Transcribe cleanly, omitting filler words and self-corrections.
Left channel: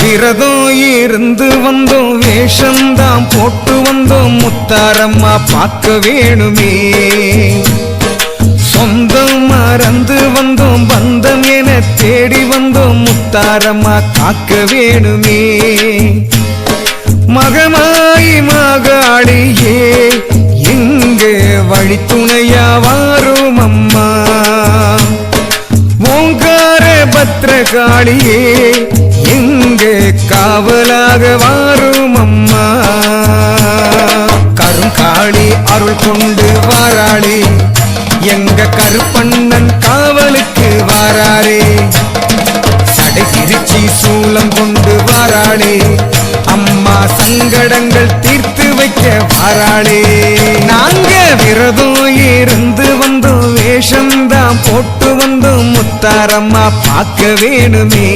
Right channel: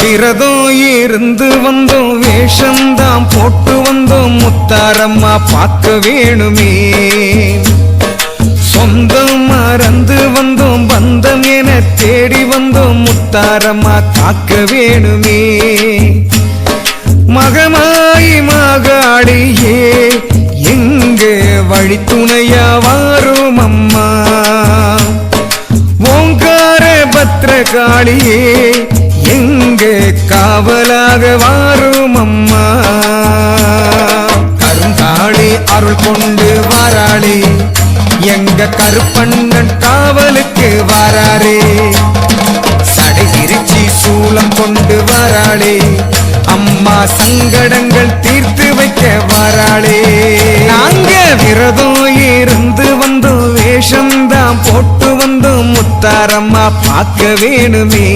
விரதம் இருந்து வந்தோம், வேஷந்தான் போட்டு வந்தோம், முத்தாரம்மா பார்க்க வேணுமே. சொந்தம் மறந்து வந்தோம், பந்தம் என தேடி வந்தோம், முத்தாரம்மா காக்க வேணுமே. மகமாயி மகாளியே எங்க வழித்துணையா வாரும் அம்மா. ஓங்கார பத்ரகாளியே எங்க காவலாக வாரும் அம்மா. கருங்காளி அருள் கொண்டு வாராளே, எங்க கருப்பண்ணன் காவலுக்கு வாராளே. சடைகிரிச்சி சூலம் கொண்டு வாராளே, அம்மா சங்கடங்கள் தீர்த்து வைக்க வாராளே. நாங்க விரதம் இருந்து வந்தோம், வேஷம்தான் போட்டு வந்தோம், முத்தாரம்மா பார்க்க வேணுமே.